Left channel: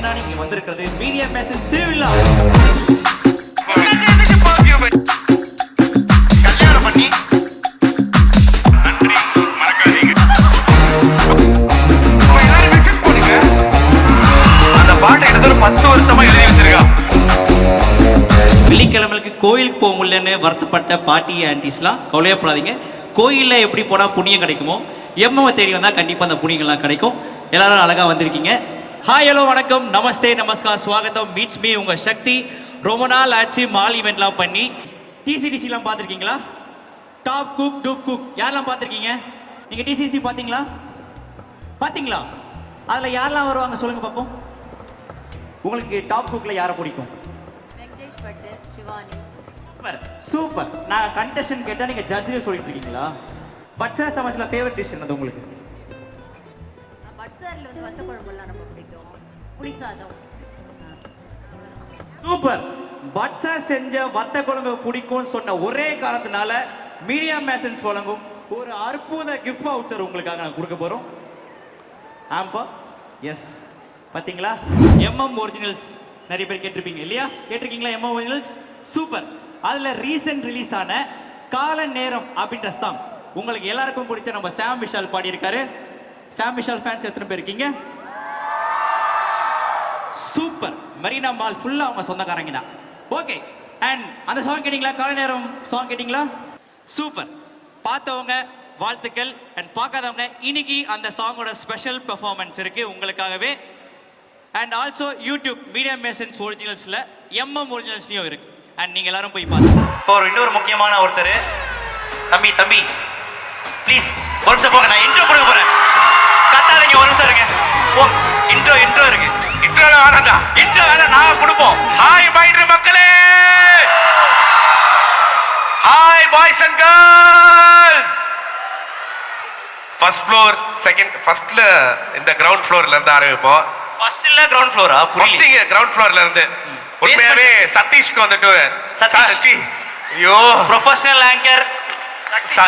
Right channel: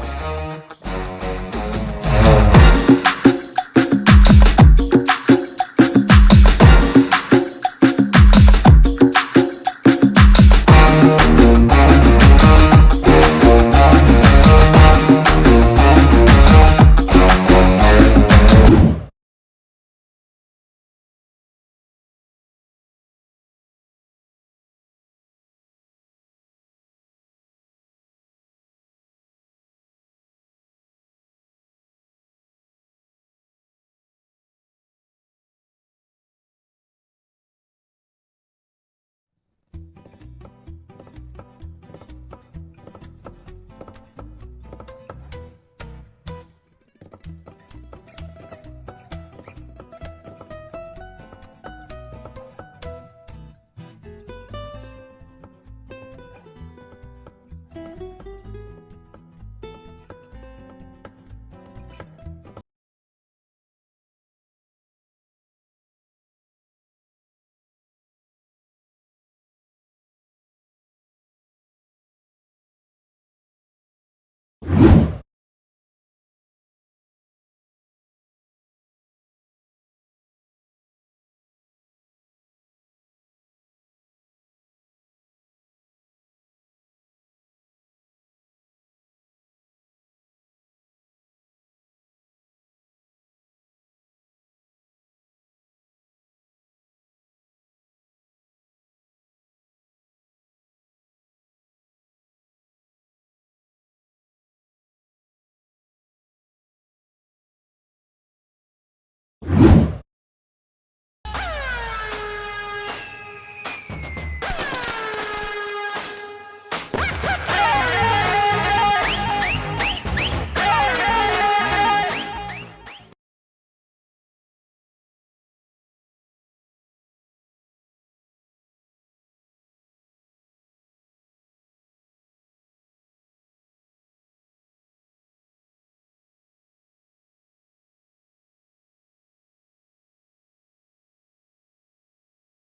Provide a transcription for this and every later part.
ஏன்னா நீங்க வந்திருக்கிறது மீடியா பேசன்ஸ் திருவிழா. வெள்ளிக்கிழமைக்கு கோயிலுக்கு போக முடியலன்னு வருத்தப்பட்ட பாட்டி ஆன்டிஸ்லாம் கவலையப்படாதீங்க. கோயிலில் எப்படி போனால் புண்ணியம் கிடைக்குமோ எம்எம்ஐ தேடி வந்தால் கண்டிப்பாக அந்த புண்ணியங்கள்லாம் கிடைக்கும். எல்லாரும் அழகாக வந்திருக்கீங்க. ஹாய், ஹலோ, வணக்கம், நமஸ்தே, நமஸ்கார், ஸ்வாகத்தம். மீட்ஸ் மீ உங்கள் சக்தி. ரொம்ப நாள் ஆச்சு மால் ஈவெண்ட்லாம் பண்ணி. டிசிடிசிலாம் பார்த்துருக்கீங்களா? டாப் குக் டூப் குக் யாரெல்லாம் பார்த்துருக்கீங்க? நீங்கள் டிசிடிசி பார்த்தீங்களா? பார்த்தீங்களா? அதில் யாரெல்லாம் வருவாங்க சொல்லுங்கள் பார்ப்போம். உங்களுக்கு டாப் குக்கில் யாரை பிடிக்கும்? சூப்பர். நான் கண்டெஸ்டன்ட் கேட்டா நீங்க ஜட்ஜ்னு சொல்லிட்டு இருக்கீங்களா? பட்சா சமைச்சல ஃபேவரட் டிஷ் என்னது உங்களுக்கு? பட்சால வந்து வத்த குழம்புலாம் ரொம்ப பிடிக்கும். புளி சாதம். சூப்பர். பட்சா செஞ்ச வத்த குழம்பு பிடிக்கும்னு சொன்ன ஒரே காரணத்தினால மீடியா மேசன்ஸ் வழங்கும் ஒரு அற்புத கிஃப்ட் வவுச்சர் உங்களுக்காக நான் கொடுக்க போறோம். ஆம்பா எஸ், பாத்தீங்களா? எம்எம் ஒரிஜினல்ஸ் நிறைய பேர் கேட்டிருப்பீங்க இல்லையா? கேட்டிருக்கீங்களா எம்எம் ஒரிஜினல்ஸ்? சூப்பர். அதுல ரீசன்ட் ரிலீஸ் ஆன கால நேரம் அப்படின்ற சாங் உங்களுக்கு எல்லாருக்கும் பிடிச்ச நம்ம சாம் விஷால் பாடி இருக்காரு. சாம் விஷால் ஃபேன்ஸ் எத்தனை பேர் இருக்கீங்க? சூப்பர். மெரினா மால் ஃபுல்லா அவங்க சொந்தக்காரங்க தான். ஓகே, அண்ட் அந்த சாங் கேட்டீங்களா? கால நேரம் சாங் கேட்டீங்களா? சூப்பர். பார்த்தவங்க வாழ்த்துக்கள், அண்ட் பார்க்காதவங்க இன்னைக்கு அந்த சாங்கோட ஸ்பெஷல் பெர்ஃபார்மன்ஸ் இருக்கு உங்களுக்காகவே. And also YouTube media masons ஒரிஜினல்ஸ்ல எம்எம் ஒரிஜினல்ஸ்லயும் இருக்கு. அண்ட் நீங்க எல்லாரும் போய் பாருங்க. இப்போ இன்னொரு முக்கியமான ஒருத்தர் தம்பி ப்ளீஸ் ஒரு நிமிஷம் போங்க, நான் இன்ட்ரோ கொடுக்க போறேன். கத்தாதீங்க, ஒரு நிமிஷம் இருங்க. இன்ட்ரோ இருக்கு. இன்ட்ரோ வேணாங்க, இன்ட்ரோ வேணாம், நாங்க கொடுப்போம். ஹாய் மைட்ரு மக்களே, hi boys and girls. First floor second ஃபர்ஸ்ட்ல இந்த கிரவுண்ட் ஃப்ளோர்ல இருந்து ஆரம்பிப்போம். ஃபர்ஸ்ட் இல்ல கிரவுண்ட் ஃப்ளோரா? ஃபர்ஸ்ட் இங்க கிரவுண்ட் ஃப்ளோர்ல இருந்து உண்மையாவே சதீஷ்க்கு வந்துட்டு சதீஷ் ஐயோ ப்ரொஃபஷனல் ஆங்கர்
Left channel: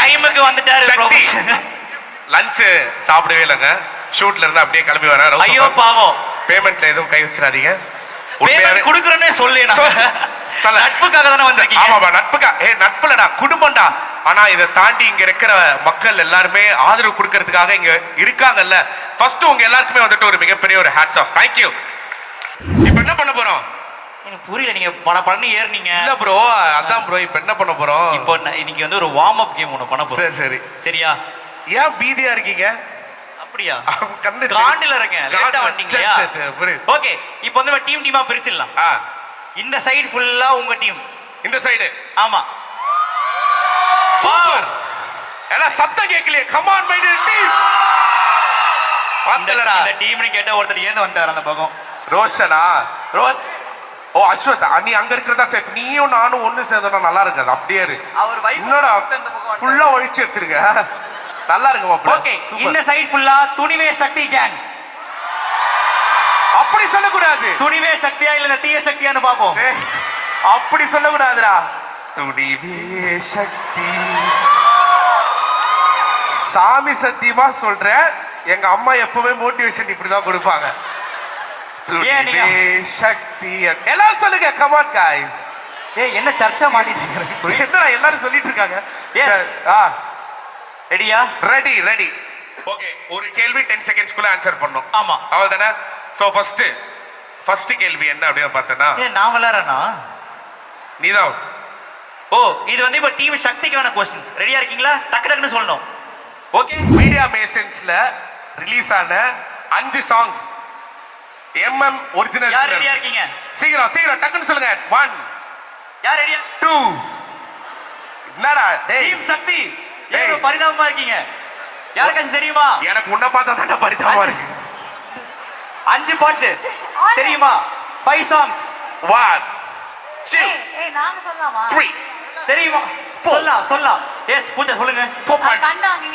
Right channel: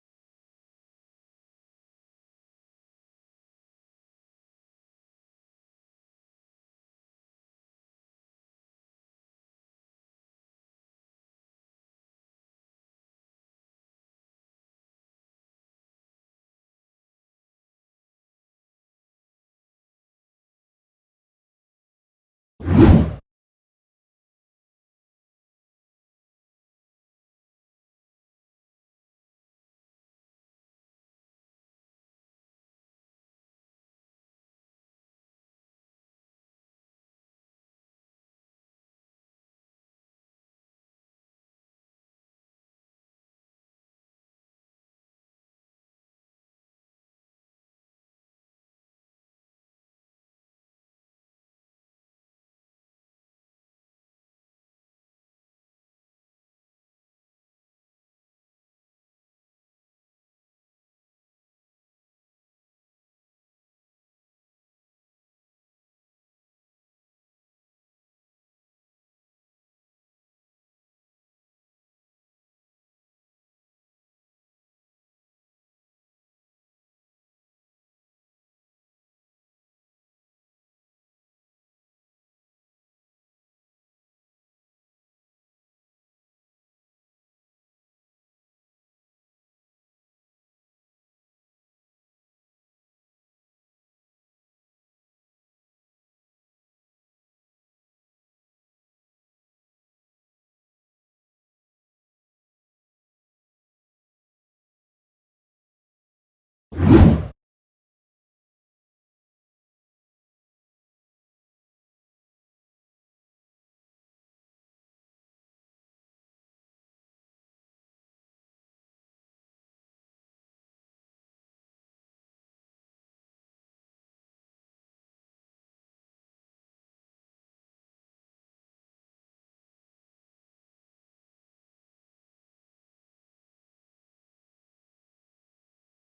டைமுக்கு வந்துட்டாரு. லஞ்ச் சாப்பிடவே இல்லைங்க. ஷூட்ல இருந்து அப்படியே கிளம்பி வரேன். ஐயோ பாவம். பேமெண்ட்ல எதுவும் கை வச்சிடாதீங்க. பேமெண்ட் குடுக்குறேனே சொல்லு. நட்புக்காக தானே வந்திருக்கீங்க. ஆமாப்பா, நட்புக்காக. நட்புலடா, குடும்பம்டா. ஆனா இதை தாண்டி இங்க இருக்கிற மக்கள் எல்லாருமே ஆதரவு கொடுக்கறதுக்காக இங்க இருக்காங்கல்ல. ஃபர்ஸ்ட் உங்க எல்லாருக்குமே வந்துட்டு ஒரு மிகப்பெரிய ஒரு ஹேட்ஸ் ஆஃப். தேங்க்யூ. இப்போ என்ன பண்ண போறோம்? எனக்கு புரியல. நீங்க படன்னு ஏறினீங்க. இல்ல ப்ரோ, அதான் ப்ரோ. இப்போ என்ன பண்ண போறோம்? இப்போ இன்னைக்கு வந்து ஒரு வார்ம் அப் கேம் ஒன்று பண்ண போறோம். சரி சரியா? ஏன் பீதியா இருக்கீங்க? அப்படியா? கண்ணு காண்டில இருக்கேன். லேட்டா வந்தீங்க. ஓகே, இப்போ வந்து டீமா பிரிச்சிடலாம். இந்த சைடு ஃபுல்லா உங்க டீம், இந்த சைடு. ஆமா, சூப்பர். எல்லாம் சத்தம் கேட்கலையே. Come on my team. பாத்தலடா, இந்த டீம்னு கேட்ட ஒருத்தர் ஏந்து வந்தார் அந்த பக்கம். ரோஷனா? ஓ அஸ்வத், நீ அங்க இருக்கிறதா சேஃப். நீயும் நானும் ஒண்ணு சேர்ந்தா நல்லா இருக்காது. அப்படியே இருக்கு. அவர் வைஃப் இன்னோட ஃபுல்லா ஒழிச்சு எடுத்துருங்க. நல்லா இருக்கு மாப்ள. ஓகே, இந்த சைடு ஃபுல்லா துணிவே சக்தி கேங். அப்படி சொல்லக்கூடாது. துணிவே சக்தியா இல்ல இந்த தீய சக்தியான்னு பாப்போம். அப்படி சொல்லக்கூடாதுடா. துணிவே சக்தி. சாமி சத்தியமா சொல்றேன், எங்க அம்மா எப்பவுமே மோட்டிவேஷன் இப்படிதான் கொடுப்பாங்க. துணிவே சக்தி. எல்லாரும் சொல்லுங்க. Come on guys. என்ன சர்ச்சா மாட்டிட்டு இருக்கீங்க? என்னடா எல்லாரும் சொல்லிட்டு இருக்காங்க. எஸ். ரெடியா? ரெடி. ஓகே, ஒரு கேள்வி 10 செகண்ட்ஸ்க்குள்ள ஆன்சர் பண்ணனும். ஆமா, அவ்வளவுதானே? சோ ஃபர்ஸ்ட் கேள்வி என்ன அப்படியே பார்த்தனா? நான் விளையாடுறேனா? நீதான். ஓ, இது வந்து இப்ப டீம் சக்திக்கான क्वेश्चंस. ரெடியா இருக்கீங்களா? டக்குன்னு சொல்லணும். ஓகே, மீடியா மேசன்ஸ்ல ரிலீஸ் ஆன 5 சாங்ஸ் எம்எம் ஒரிஜினல்ஸ். யார் ரெடியா இருக்கீங்க? சீக்கிரம் டக்குன்னு சொல்லுங்க. 1. யார் ரெடியா? 2. என்னடா டேய், டீம் சக்தி ஏதோ பரிதாபமா இருக்கீங்க. யாருக்காச்சும் தெரியுமா? எனக்கு உன்னை பார்த்தா தான் பரிதாபமா இருக்கு. 5 பாட்டு தெரியுமா? 5 songs. 1 2 நாங்க சொல்லலாமா? 3 தெரியுமா? சொல்லலாம். எஸ், பூஜா சொல்லுங்க. 4 கண்டாங்கி.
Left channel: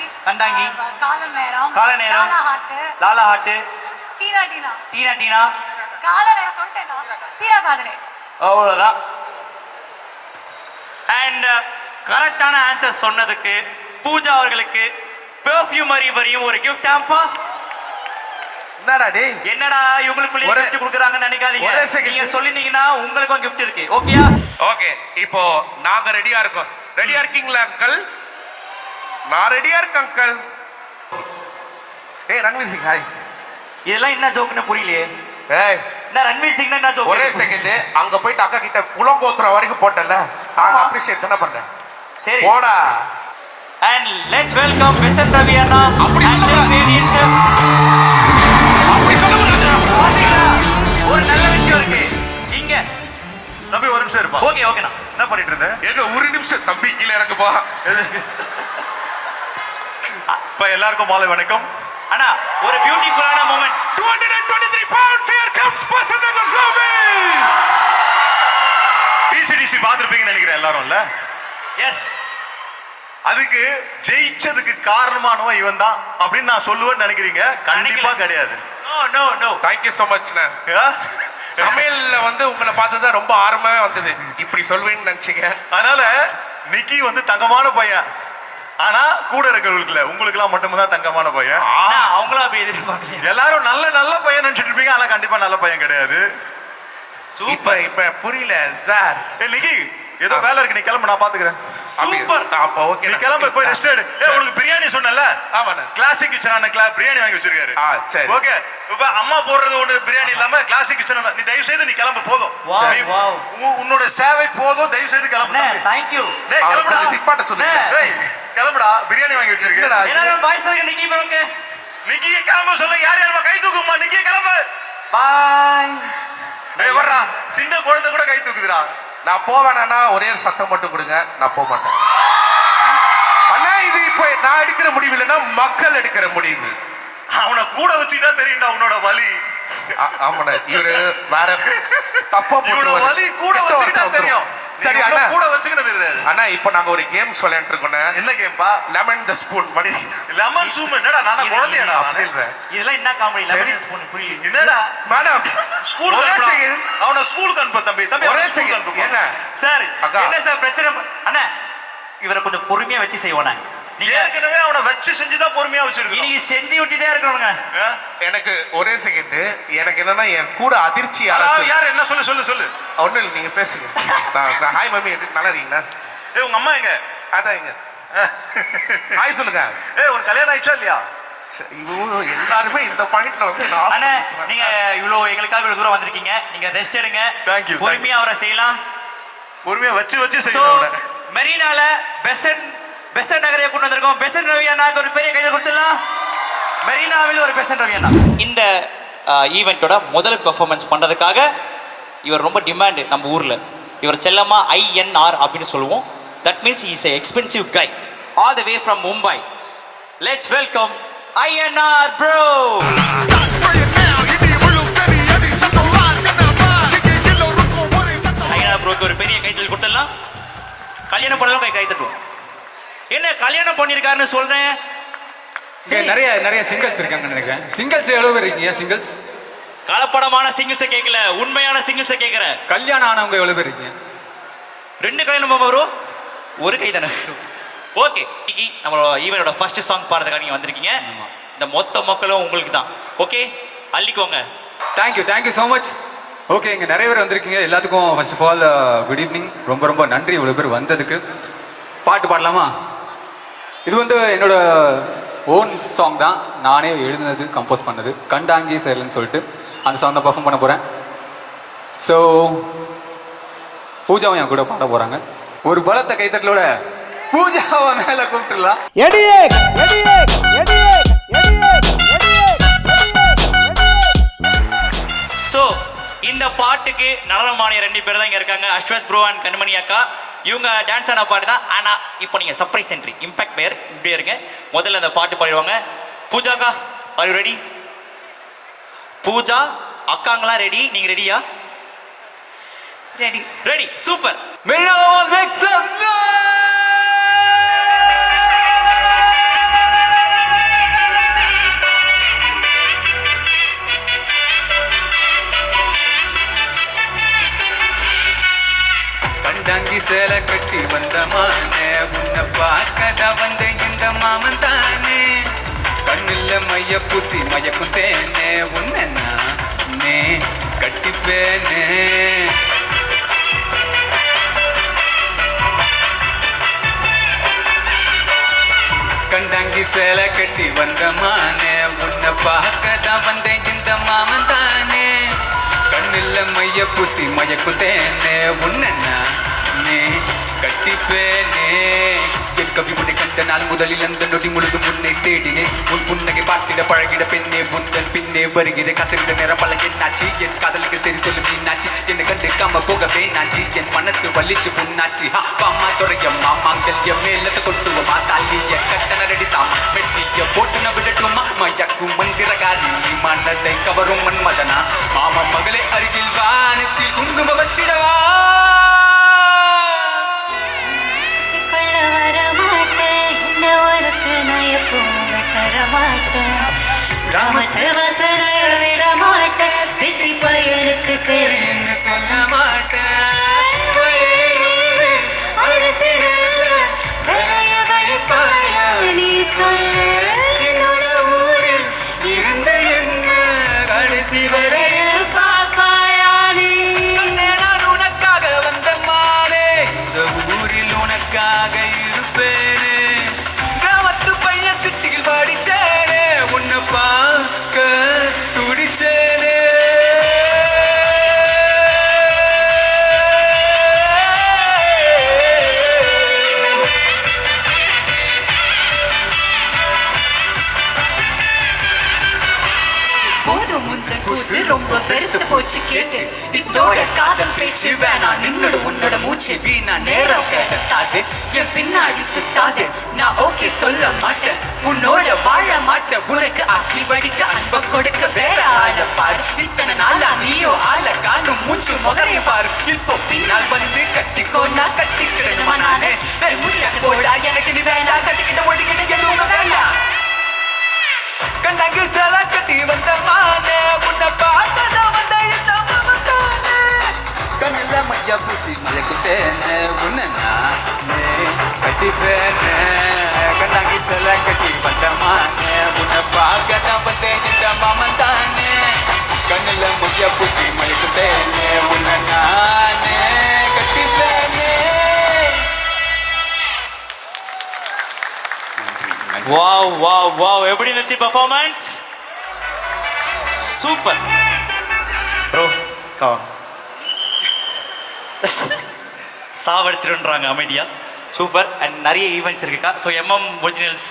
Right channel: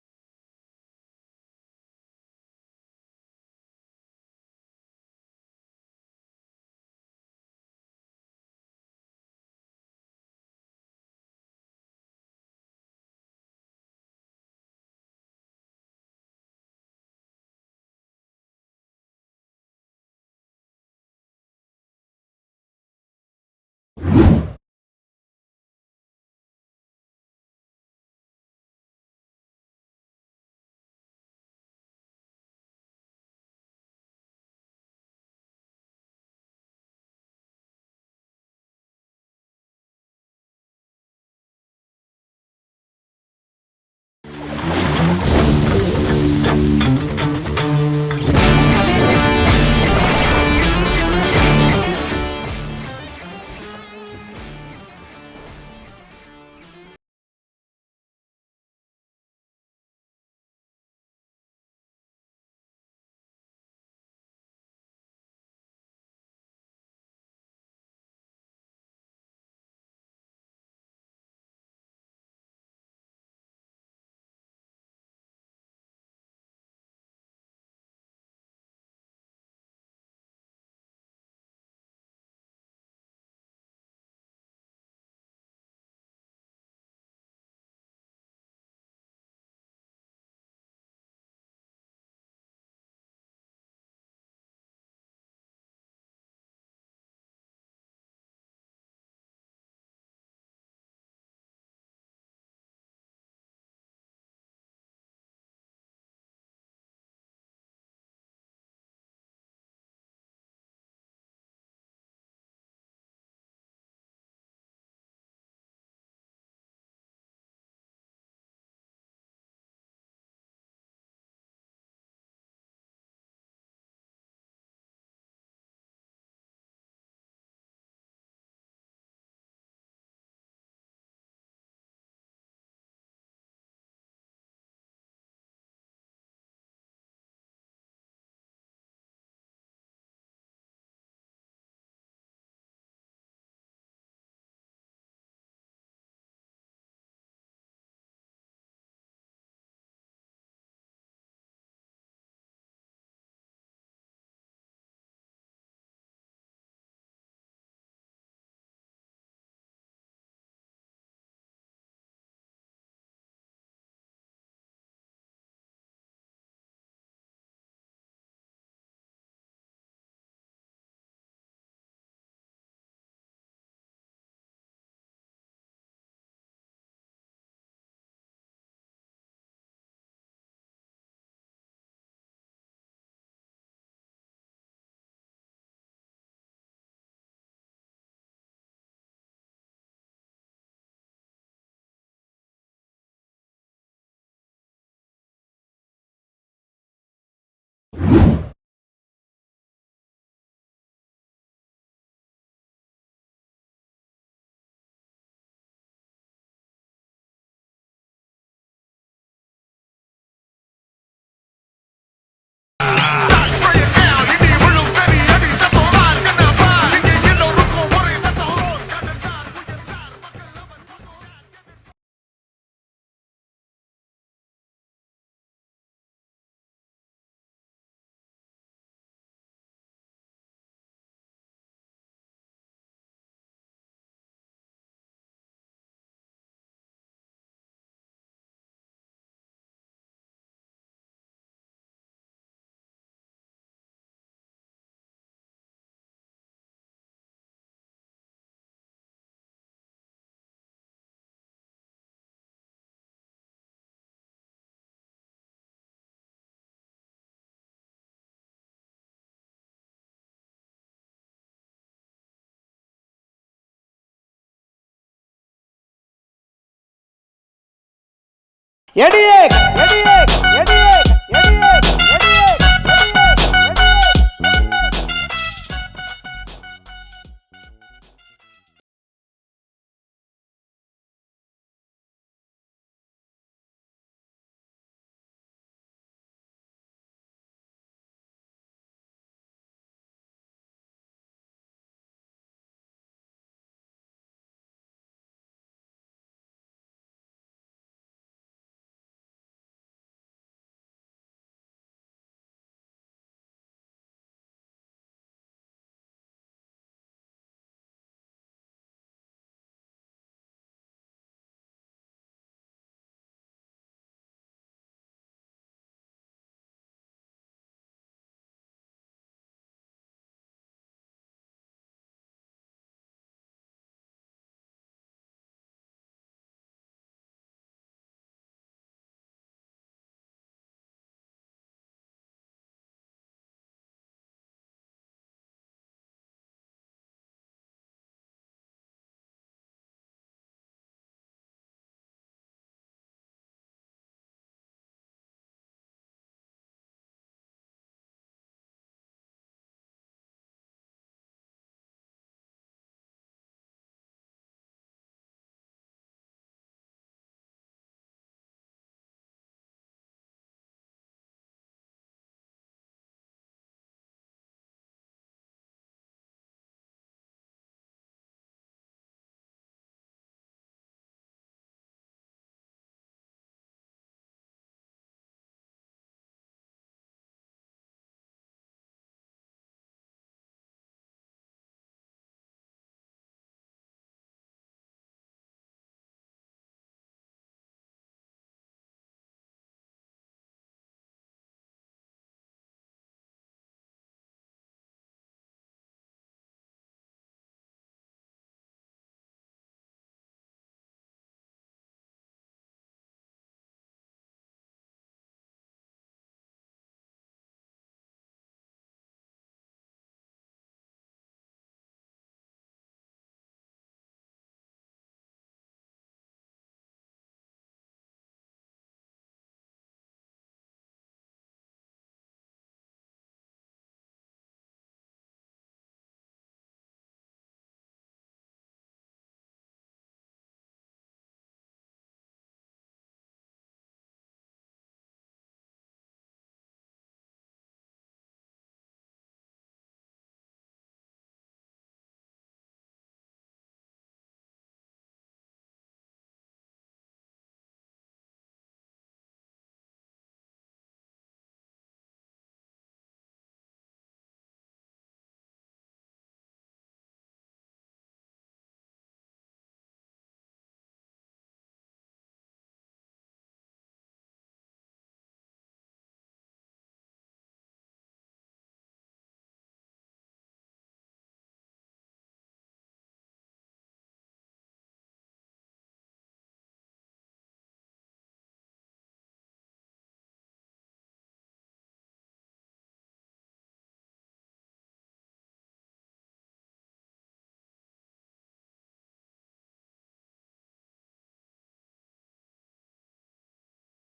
கால நேரம். லாலா ஹாட். டீனா. கால நேரம் சொல்லிட்டேனா? தீரா காதலே. அவ்வளவுதான். அண்ட் கரெக்டான ஆன்சர் சொன்னதுக்கு பூஜா அவர்களுக்கு பெர்ஃப்யூமரி வரையும் ஒரு கிஃப்ட். ஆம்பா என்னடா டேய் என்னடா இவங்களுக்குள்ளே ஒரே- gift கொடுக்குறாங்கன்னு நினைக்காதீங்க. ஒரே second. நீங்க சொல்லிருந்தீங்கன்னா உங்களுக்கும் gift இருக்கு. ஓகேயா? ஓகே இப்போ நாங்க ரெடியா இருக்கோம். ரெடியா இருக்கீங்களா அங்கிள்? நான் ரெடியா இருக்கேன் அங்கிள். ஏய் ரன்வீர் சிங் ஹாய். இதெல்லாம் என்ன ஜோக்குன்னு புரியலையே. ஏய் என்ன ரன்வீர் சிங் என்ன ஜோக்? ஒரே செகண்ட் அங்க போயிட்டு அக்கா கிட்ட குளங்கோத்துற வரைக்கும் போட்டல நாங்க அப்ரிஷியேட் தான பண்ணேன். சரி. போடா. And let's welcome Mr. Ravi Anna and the radiant chef. ஒரு நல்ல விஷயம் இருக்கு. இங்க. தம்பி ஒரு நிமிஷம் இருப்பா. ஓகே ஓகேண்ணா. என்ன பண்ணிட்டு இருந்த? எங்க ஒரு நிமிஷம் தம்பி கீழ இறங்குப்பா. இப்ப எல்லாருக்கும் மாலை வணக்கம். அண்ணா ஒரு பியூட்டிஃபுல்லான moment. 223 pounds here comes person number 7. டிசிடிசி பார்த்திருப்பீங்கன்னு நினைக்கிறேன் எல்லாரும்ல. எஸ். அதுக்கு ஜெயிச்சதுக்கு காரணமானவன் இவன் தான் அப்படின்னு நான் சொல்லுவேன்னு நினைக்கிறீங்க? கண்டிப்பா கிடையாது. No no no. Thank you so much ண்ணா. சமையல்ல வந்து உங்களை பார்த்ததா ரொம்ப ஆர்வமே வந்தது. இப்படி சொல்வேன்னு நினைச்சீங்க. அதனால நிக்கி வந்து தங்கமான பையன். ஆனா கூட இருக்கிறவங்களுக்கு உங்களுக்குலாம் மட்டும்தான் தங்கமான பையன். அவங்களும் அப்படி எதிர்பார்க்கல. எல்லாரும் நல்ல நல்ல பையன் நினைச்சிட்டு இருப்பீங்க. ஆனா கண்டிப்பா நல்ல பையன் கிடையாது. இப்ப இப்ப புரியல சார். நிக்கி ஏதோ வேலை இருக்கு, நீ கிளம்பு, நான் பாத்துக்கிறேன். சூப்பர். அப்ப ஓகே நீ கிளம்பு, போய் ரெஸ்ட் எடு. உனக்கு பிரியாணி சொன்னல? ஆமாண்ணா. கிளாசிக் கிச்சன் பிரியாணி வாங்கி வச்சிருக்காரு. சரி. ஓகே. இப்ப அம்மா போடுறது ஒண்ணு பிரியாணி இல்லாம கிளாசிக் கிச்சன். நீ தயவு செய்து நீ கிளம்பு, போதும். Wow, நீ- wow. உன்னோட சேவை போதும், தயவு செய்து கிளம்பு. அண்ணே தேங்க் யூ. டேய் கிளம்புடா. நிப்பாட்ட சொல்லுங்க. டேய் கிளம்புடா, பிரியாணி வாங்கி வச்சிருக்கு. என்னடா? எல்லாரும் பாய்ஸ் இருக்க நிக்கி ப்ரோக்கு. நிக்கி கிளம்ப சொல்ல, யார் யாரமா கை தூக்குமா? நிக்கி கிளம்பு. பை. டேய் வர்றா, சின்ன குழந்தை கூட கை தூக்குதுடா. நான் போவேனா ஒரே ஒரு சத்தம் மட்டும் கொடுங்க, நான் போக மாட்டேன். அண்ணா இது இப்ப நான் எடுக்கிற முடிவு இல்லைன்னா மக்கள் எடுக்கிற முடிவு. அவனை கூட வச்சுக்கிட்டா தெரியும்டா உன்னோட வலி. ஆமாண்ணா இவரு வேற தப்பா இவனோட போட்டுருவாரு. வலி கூட வச்சுக்கிட்டா தெரியும். சரி சரி அண்ணா, கூட வச்சுக்கிட்டது தெரியாது. அண்ணா இப்ப நாங்க ஒரு கேம்ஸ் விளையாண்டு இருக்கோம். என்ன கேம்பா? லெமன் த ஸ்பூன் மணி. Lemon soup. என்னடா நானா குழந்தையடா அப்படி நானு? இல்ல. இதெல்லாம் என்ன காமெடி? சரி. லெமன் ஸ்பூன் புரியல. என்னடா மேடம் ஸ்கூலுக்கு ஒரே அனுப்புடா. second. அவனை ஸ்கூலுக்கு அனுப்பு தம்பி. தம்பி ஒரே அவனை ஸ்கூலுக்கு செகண்ட் அனுப்பு. என்ன சார் அக்கா. என்ன சார் பிரச்சனை? அண்ணா இவரை கொஞ்சம் பொறுமையா வச்சு செய்வோண்ணே. நீங்க ஏற்கனவே அவனை வச்சு செஞ்சுதான் பொறுமையா வச்சிருக்கோம். இன்னைக்கு செஞ்சு விட்டுட்டே இருக்கணுங்க. எனக்கு ஒரே செகண்ட் எனக்கு என்னன்னா என் கூட அதிர்ச்சி யாராச்சும் யார் என்ன சொல்லு சொல்லு சொல்லு. ஒண்ணு இல்லை நீங்க பேசுங்க. ஹாய் மம்மி நல்லா இருக்கீங்களா? ஏய் உங்க அம்மா எங்க? அதான் இங்க ஹாய் சொல்லுங்க. ஏய் உனக்கு கல்யாணம் ஆயிடுச்சா இல்லையா? ஐயோ எல்லாருமே இந்த பாயிண்ட்ல வந்து நான் அண்ணா நீங்க இவ்வளவு எங்களுக்காக இவ்வளவு தூரம் வந்திருக்கீங்க. நீங்க ரெஸ்ட் எடுங்க. Thank you, பொறுமையா அவரை செய்யலாம். பொறுமையா வச்சு வச்சு சோ செய்யணும் அவனை. மெரினால பெசன்ட் நகரையை கொண்டு வந்திருக்கோம். பெசன்ட் ரவி அண்ணாக்கு ஒரு பெரிய கையில் கொடுத்துடலாம். மெரினாவில் ஒரு பெசன்ட் ரவி அண்ணா. இந்த ஈவெண்ட்டோட முதல் பெர்ஃபார்மன்ஸ் பண்றதுக்காக இவர் ரொம்ப டிமாண்ட் நம்ம ஊர்ல. இவர் செல்லமா INR அப்படின்னு சொல்லுவோம். That means is a expensive guy all the way from Mumbai. Let's welcome INR bro. INR bro ஒரு பெரிய கைத்தல் கொடுத்துடலாம். கல்யாணம் பண்ணலாம் கை தட்டுவோம். என்ன கல்யாணம் பண்ணிருக்காருன்னு சொல்றேன். இங்க நிறைய சிங்கிள்ஸ் இருக்காங்கன்னு நினைக்கிறேன். சிங்கிள்ஸ் எவ்வளவு பேர் இருக்கீங்க? சிங்கிள்ஸ் கலப்படமான சிங்கிள்ஸை கேட்கல, உண்மையான சிங்கிள்ஸை கேட்கிற. கல்யாணம் ஆனவங்க எவ்வளவு பேர் இருக்கீங்க? 2 கல்யாணம் வரும், ஒரு கை தானே. ஓகே இன்னைக்கு நம்மளோட ஈவனோட ஃபர்ஸ்ட் சாங் பாடுறதுக்காக நீங்க வந்திருக்கீங்க. இந்த மொத்த மக்களும் உங்களுக்கு தான். ஓகே அள்ளிக்கோங்க. Thank you so much. ஓகே இங்கே நிறைய பேர் வந்திருக்கீங்க. எல்லாத்துக்கும் first of all good evening. ரொம்ப நன்றி இவ்வளோ பேர் வந்ததுக்கு. பாட்டு பாடலாமா? இது வந்து என்னோட ஓன் சாங் தான். நானே எழுதுனது, கம்போஸ் பண்ணது. கண்டாங்கி சேரலன்னு சொல்லிட்டு அந்த சாங் தான் பர்ஃபார்ம் பண்ண போகிறேன். ஸோ பூஜாவும் என் கூட பாட போகிறாங்க. ஒரு பலத்த கைத்தட்டலோட பூஜாவை மேலே கூப்பிட்டுலாம். ஸோ இந்த பாட்டுக்கு நடனமானிய 2 பேர் தான் இங்க இருக்காங்க. அஸ்வத் ப்ரோ அண்ட் கண்மணி அக்கா. இவங்க டான்ஸ் ஆன பாட்டு தான். ஆனா இப்போ நீங்க சர்ப்ரைஸ் என்ட்ரி இம்பாக்ட் பேர் இப்படியே இருங்க. முதல்ல அந்த பாட்டு பாடிடுவாங்க. பூஜா அக்கா ஆர் யூ ரெடி? பூஜா அக்காங்களாம் ரெடி? நீங்க ரெடியா? Ready. Ready super. Merina all make some noise! கண்டாங்கி சேலை கட்டி வந்த மானே, உன்னை பார்க்கத வந்த இந்த மாமன் தானே. கண்ணு கண்ணில் மைய பூசி மயக்கும் தேனே உன்னை நானே கட்டிப்பேனே கண்டாங்கி சேலை கட்டி வந்த மானே உன்னை பார்க்க தான் வந்தேன் இந்த மாமன் தானே கண்ணில் மைய பூசி மயக்கும் தேனே உன்னை நானே கட்டிப்பேனே என் கவி உன்னை கண்ட நாள் முதலில் அந்த நொடி முழுதும் உன்னை தேடினேன் உன் புன்னகை பார்த்திட பழகிட பெண்ணே முந்தன் பின்னே வருகிறேன் காத்திருந்த நேரம் பல என்னாச்சு என் காதலுக்கு சரி சொல்லு மீனாச்சு என்னை கண்டுக்காம போகவே நாச்சு என் மனசு வலிச்சு புண்ணாச்சு அம்மா துறையம்மா மாங்கல்யம் மேலத்தை கொட்டுவமா தாலிய கட்டண ரெடி தாமா வெட்டிய போட்டு ந விடட்டுமா மயக்கும் மந்திரகாரி மனதை கவரும் மன்மதனா மாமா மகளே அருகில் வானத்தில் குங்கும வச்சிடவா கிராமத்து வசர விட மாட்டேன் சிட்டி பயலுக்கு சேர்ந்து சொல்ல மாட்டேன் நீ சொல்லு என்னோட ஊரில் இருந்த என்ன கடைசி வரையில் பாப்பாயா நீ நான் உனக்காக வந்த மாறே இந்த ஊரில் உனக்காக இருப்பேனே கிராமத்து பையன் சிட்டியில் படிச்சேனே உன்னை பார்க்க துடிச்சேனே போதும் முந்தன் கூத்து ரொம்ப பெருத்து போச்சு கேட்டு இதோட காதல் பேச்சு வேணாம் நின்னோட உன்னோட மூச்சு வீணா நேரம் கேட்டாது என் பின்னாடி சுத்தாது நான் ஓகே சொல்ல மாட்டேன் உன்னோட வாழ மாட்டேன் உனக்கு அக்கி வடிக்க அன்ப கொடுக்க வேற ஆள பாரு இத்தனை நாளா நீயோ ஆள காணும் மூச்சு முகரைய பாரு இப்போ பின்னால் வந்து கட்டிக்கோ நான் கட்டிக்கிறேன் நானே வேற முடியாது போடா எனக்கு நீ வேண்டாம் கட்டிக்கிட்ட ஒடிக்கிட்ட எதுவும் வேண்டாம் கண்டாங்க சேலை கட்டி வந்த மானே உன்னை பார்த்தா வந்த இந்த மாமத்தானே கண்ணில் மையா பூசி மலைக்கும் தேனே உன்னை நானே கட்டிப்பேனே கண்டாங்க சேலை கட்டி வந்த மானே உன்னை பார்க்க வந்த இந்த மாமன் தானே கண்ணில் மையா பூசி மலைக்கும் தேனே உன்னை நானே கட்டிப்பேனே வாவ் வாவ் வாவ் எப்படி இருந்துச்சு பெர்ஃபார்மன்ஸ் சூப்பர் ப்ரோ சாவடிச்சிருன்றாங்க அமைதியா சூப்பர் அண்ட் நிறைய ஈவெண்ட்ஸ் இருக்குக்கா ஸோ ஒரிஜினல்ஸ்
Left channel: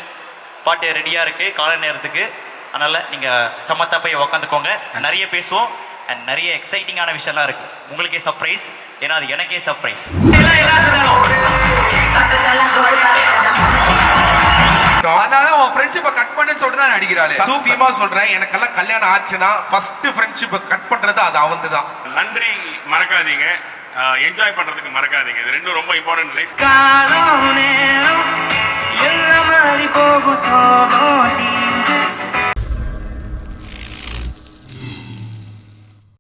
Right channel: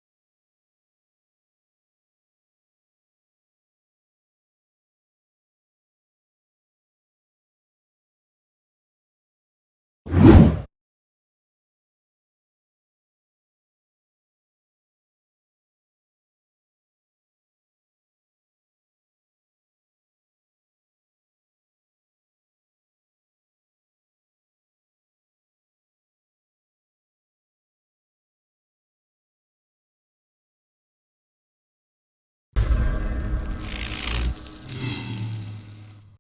பாட்டு ரெடியாக இருக்குது காலை நேரத்துக்கு அதனால் நீங்கள் சமத்தா போய் உக்காந்துக்கோங்க நிறைய பேசுவோம் அண்ட் நிறைய எக்ஸைட்டிங்கான விஷயம்லாம் இருக்குது உங்களுக்கே சர்ப்ரைஸ் ஏன்னா அது எனக்கே சர்ப்ரைஸ் அதனால உன் ஃப்ரெண்ட்ஷிப்பை கட் பண்ணுன்னு சொல்லிட்டு தான் அடிக்கிறாளே. சத்தியமா சொல்றேன் எனக்கெல்லாம் கல்யாணம் ஆச்சுன்னா ஃபர்ஸ்ட் ஃப்ரெண்ட்ஷிப்பை கட் பண்றது அது அவன்துதான். நன்றி மறக்காதீங்க, என்ஜாய் பண்றதுக்கு மறக்காதீங்க. இது ரெண்டும் ரொம்ப இம்பார்ட்டன்ட் லைஃப். காலம் நேரம் எல்லாம் மாறி போகும் சோகம்